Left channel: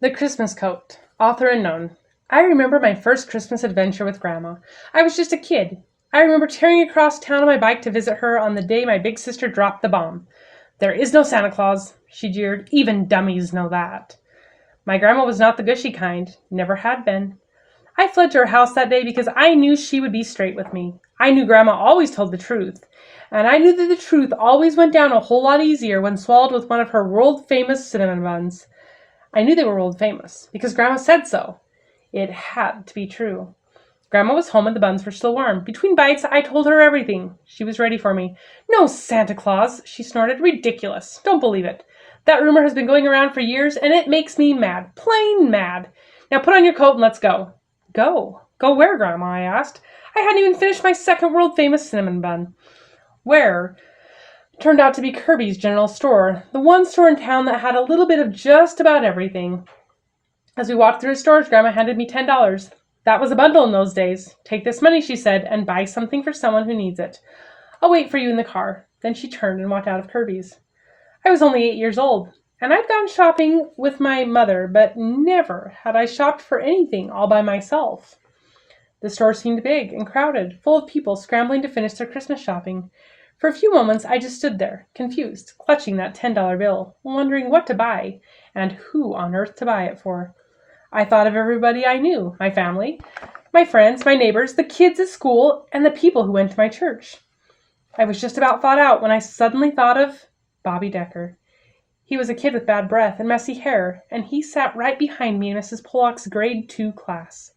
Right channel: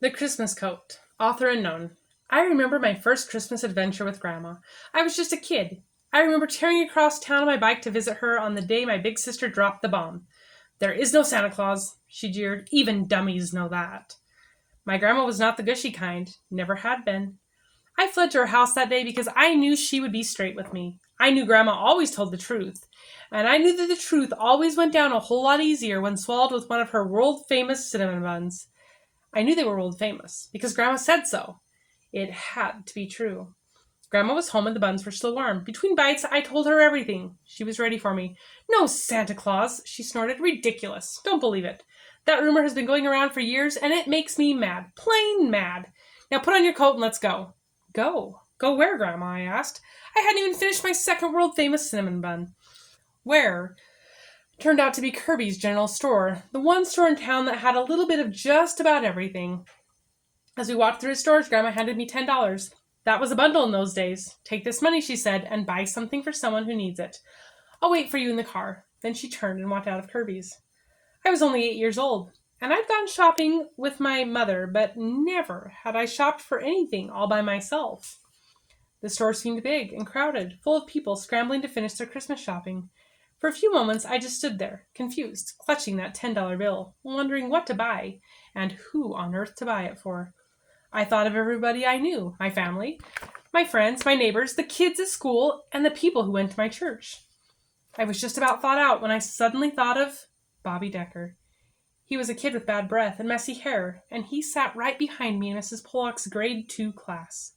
The Christmas Coat, author unknown. I remember my first Christmas adventure with Grandma. I was just a kid. I remember tearing across town on my bike to visit her on the day my big sister dropped the bomb. There is no Santa Claus, she jeered. Even dummies know that. My grandma was not the gushy kind, never had been. I fled to her house that day because I knew she would be straight with me. I knew Grandma always told the truth, and I knew that the truth always went down a whole lot easier when swallowed with one of her world famous cinnamon buns. I knew they were world famous because Grandma said so. It had to be true. Grandma was home and the buns were still warm. Between bites, I told her everything. She was ready for me. No Santa Claus, she snorted. Ridiculous. Don't believe it. That rumor has been going around for years, and it makes me mad. Plain mad. Now put on your coat and let's go. Go? Go where, Grandma? I asked. I hadn't even finished my second world famous cinnamon bun. Where? Turned out to be Kirby's General Store, the one store in town that had a little bit of just about everything. As we walked through his stores, Grandma handed me $10. That was a bundle in those days. Take this money, she said, and buy something for someone who needs it. I'll wait for you in the car. Then she turned and walked out of Kirby's. I was only 8 years old, and I'd gone shopping with my mother, but never had I shopped for anything all by myself. The store seemed big and crowded, full of people scrambling to finish their Christmas shopping. For a few moments, I just stood there, confused, clutching that $10 bill, wondering what to buy and who on earth to buy it for. I thought of everybody I knew, my family, my friends, my neighbors, the kids at school, and the people who went to my church. I was just about thought out when I suddenly thought of Bobby Decker. He was a kid with bad breath and messy hair, and he sat right behind me in Mrs. Pollock's grade 2 class.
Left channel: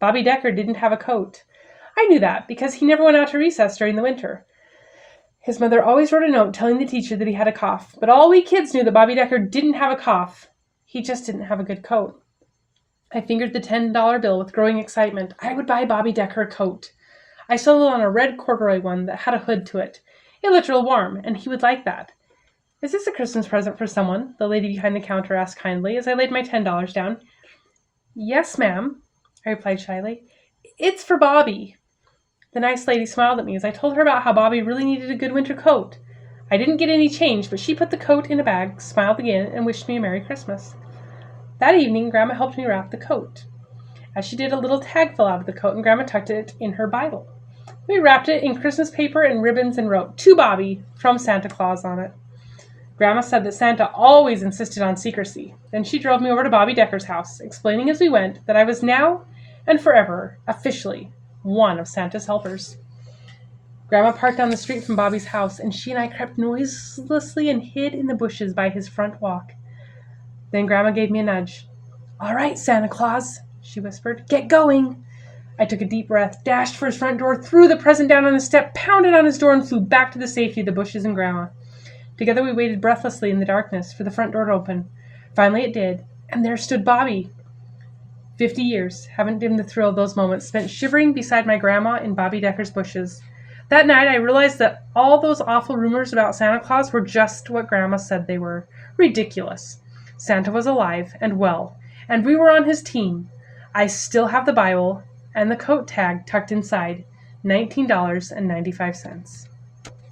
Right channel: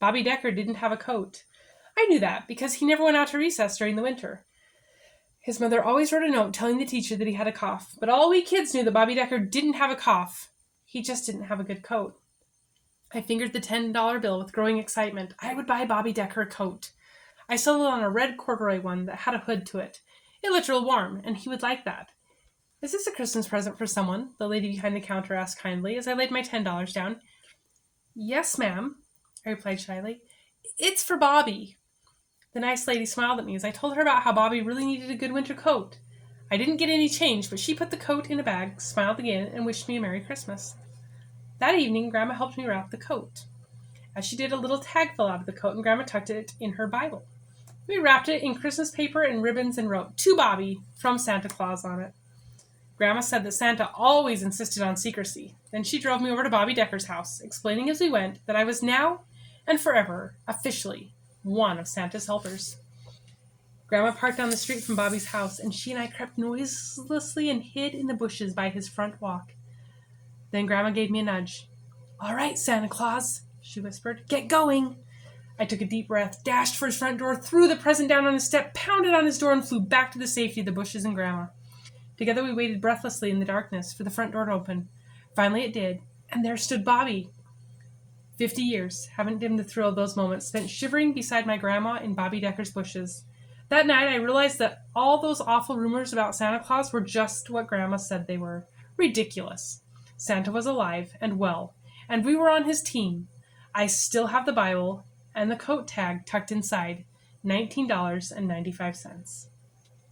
Bobby Decker didn't have a coat. I knew that because he never went out to recess during the winter. His mother always wrote a note telling the teacher that he had a cough, but all we kids knew that Bobby Decker didn't have a cough. He just didn't have a good coat. I fingered the $10 bill with growing excitement. I would buy Bobby Decker a coat. I settled on a red corduroy one that had a hood to it. It looked real warm, and he would like that. Is this a Christmas present for someone? The lady behind the counter asked kindly as I laid my $10 down. Yes, ma'am, I replied shyly. It's for Bobby. The nice lady smiled at me as I told her about how Bobby really needed a good winter coat. I didn't get any change, but she put the coat in a bag, smiled again, and wished me a Merry Christmas. That evening, Grandma helped me wrap the coat. As she did, a little tag fell out of the coat, and Grandma tucked it in her Bible. We wrapped it in Christmas paper and ribbons and wrote, "To Bobby," from Santa Claus on it. Grandma said that Santa always insisted on secrecy. Then she drove me over to Bobby Decker's house, explaining as we went that I was now and forever, officially, one of Santa's helpers. Grandma parked down the street from Bobby's house, and she and I crept noiselessly and hid in the bushes by his front walk. Then Grandma gave me a nudge. "All right, Santa Claus," she whispered. "Get going." I took a deep breath, dashed for his front door, threw the present down on the step, pounded on his door, and flew back to the safety of the bushes and Grandma. Together we waited breathlessly in the darkness for the front door to open. Finally it did, and there stood Bobby. 50 years haven't dimmed the thrill of those moments spent shivering beside my grandma in Bobby Decker's bushes. That night I realized that all those awful rumors about Santa Claus were just what Grandma said they were. Ridiculous. Santa was alive and well, and we were on his team. I still have the Bible and the coat tag tucked inside. $19.95.